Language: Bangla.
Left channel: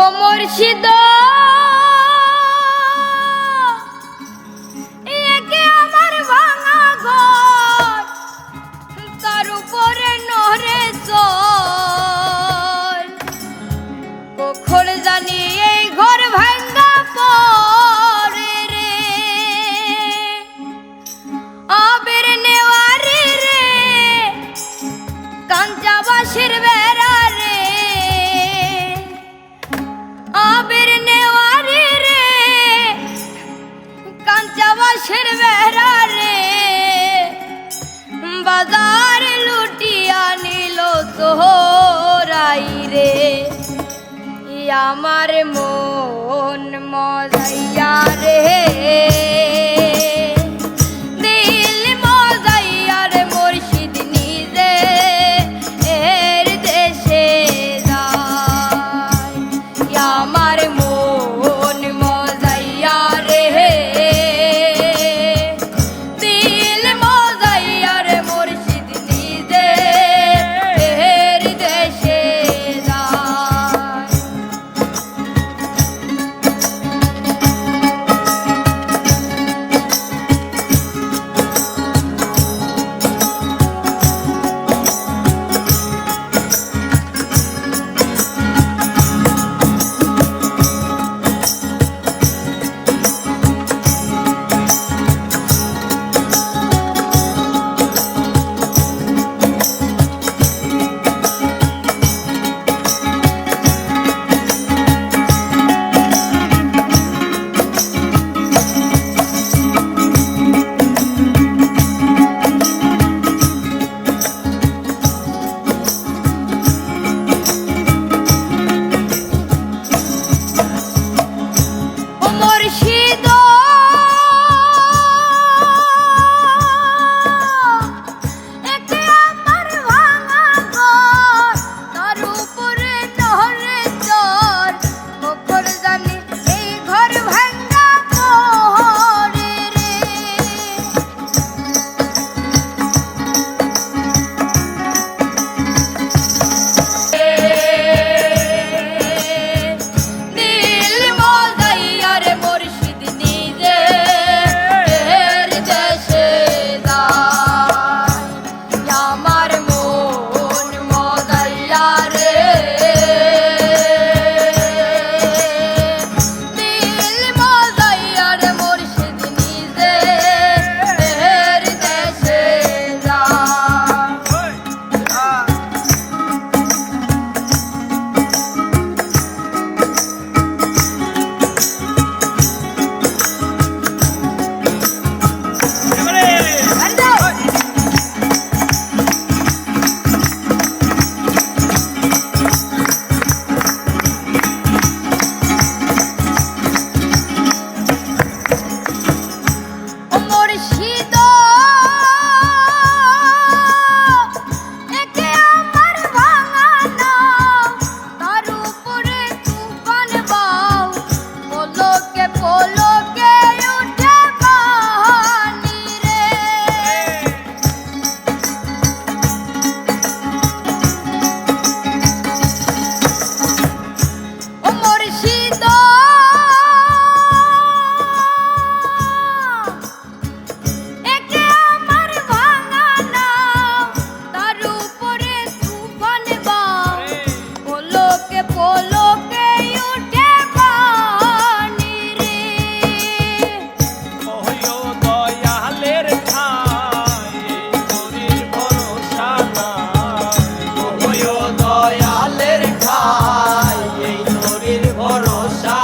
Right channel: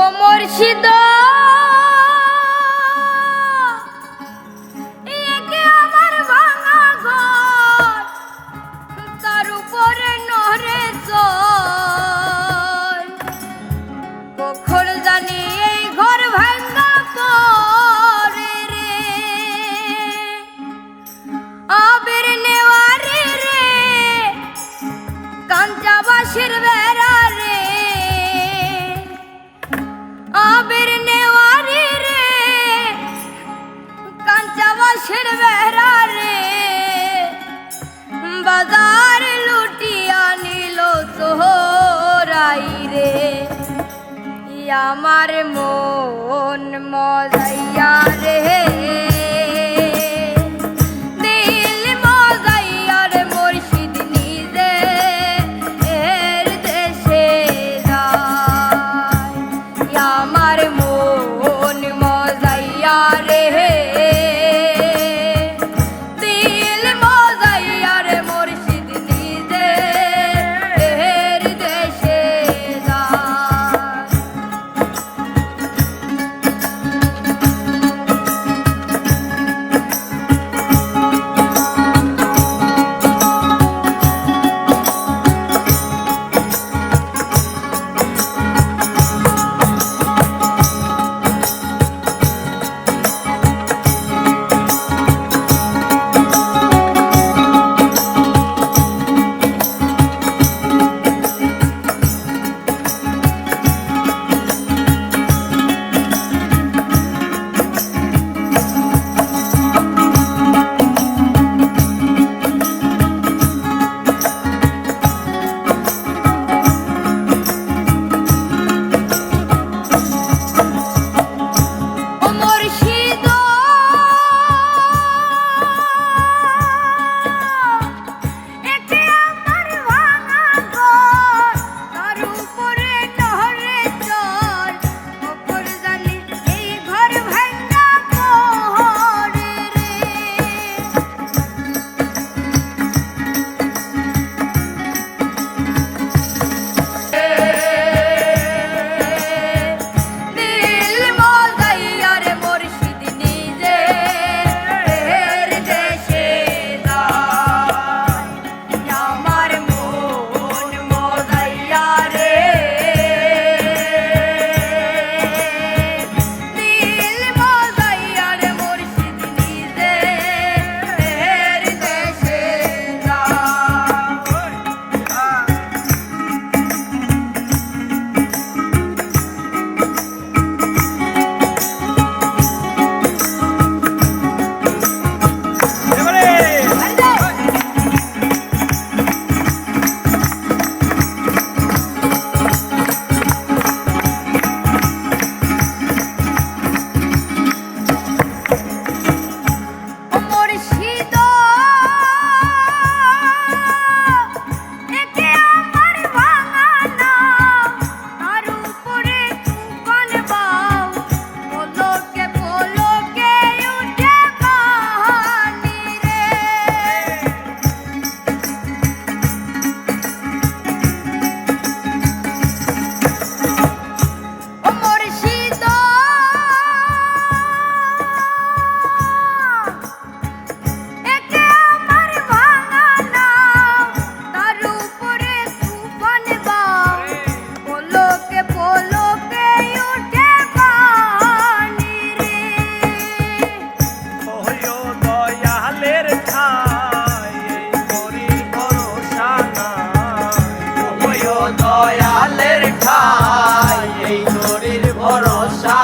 ও মুর্শিদ। আমার ভাঙা ঘর তার উপরে নহরে চোখ আমার মন মজাইয়া রে। ভরসা